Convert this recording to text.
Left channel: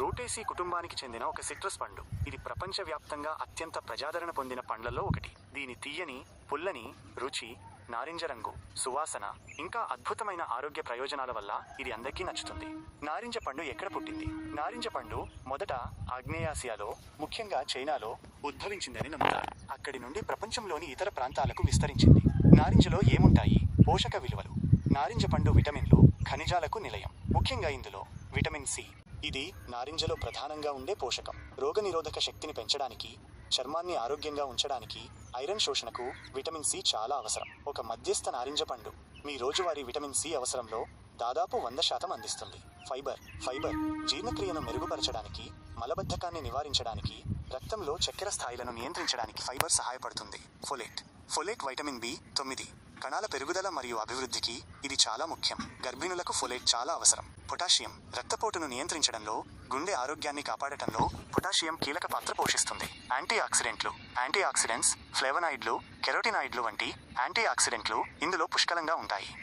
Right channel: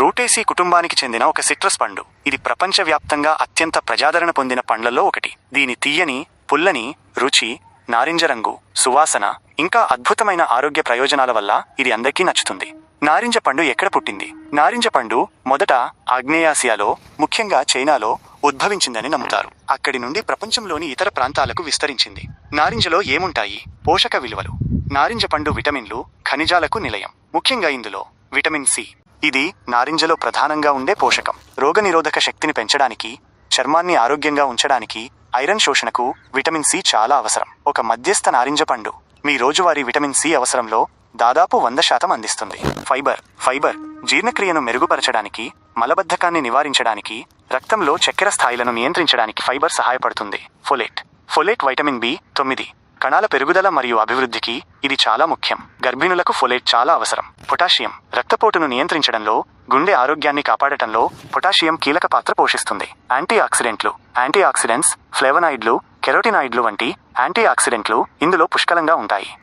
రూటేసీ కుటుంబానికి చెందిన ఒక సిట్రస్ పండు. ఇది ప్రపంచవ్యాప్తంగా అత్యంత ప్రజాదరణ పొందిన పండ్లలో ఒకటి. దీని తీయని పుల్లని రుచి నారింజ రంగు సువాసన ఇంకా అద్భుతమైన ఆరోగ్య ప్రయోజనాల వల్ల ఇది అందరికీ నచ్చుతుంది. నారింజ పండు ఎక్కడ పుట్టింది? నారింజ పండు మొదట ఆగ్నేయాసియాలో ముఖ్యంగా చైనాలో ఉద్భవించిందని నమ్ముతారు. అక్కడి నుండి ప్రపంచంలోని ఇతర ప్రాంతాలకు విస్తరించింది. నారింజలో ఏముంటాయి? పోషక విలువలు. నారింజ పండు విటమిన్లు ఖనిజాలకు నిలయం. ముఖ్యంగా ఇందులో విటమిన్ సి ఇది నారింజలో ప్రధానంగా ఉండే పోషకం. రోగనిరోధక శక్తిని పెంచడానికి చర్మాన్ని ఆరోగ్యంగా ఉంచడానికి ఐరన్ శోషణకు విటమిన్ సి చాలా అవసరం. ఒక మధ్యస్థ నారింజ పండు మీ రోజువారీ విటమిన్ సి అవసరంలో దాదాపు వంద శాతం అందిస్తుంది. ఫైబర్ ఫైబర్ జీర్ణక్రియను మెరుగుపరచడానికి మలబద్ధకాన్ని నివారించడానికి రక్తంలో చక్కెర స్థాయిలను నియంత్రించడానికి ఫైబర్ సహాయపడుతుంది. ఫొలేట్ ఫొలేట్ వైటమిన్ బి తొమ్మిది. కణాల పెరుగుదల మరియు అభివృద్ధికి ఇది చాలా ముఖ్యం. గర్భిణులకు ఫొలేట్ చాలా అవసరం. పొటాషియం రక్తపోటును నియంత్రించడంలో గుండె ఆరోగ్యాన్ని కాపాడటంలో పొటాషియం కీలక పాత్ర పోషిస్తుంది. యాంటీ ఆక్సిడెంట్లు యాంటీ ఆక్సిడెంట్స్ ఫ్లేవనాయిడ్లు కెరోటినాయిడ్లు వంటి యాంటీ ఆక్సిడెంట్లు ఇందులో పుష్కలంగా ఉంటాయి.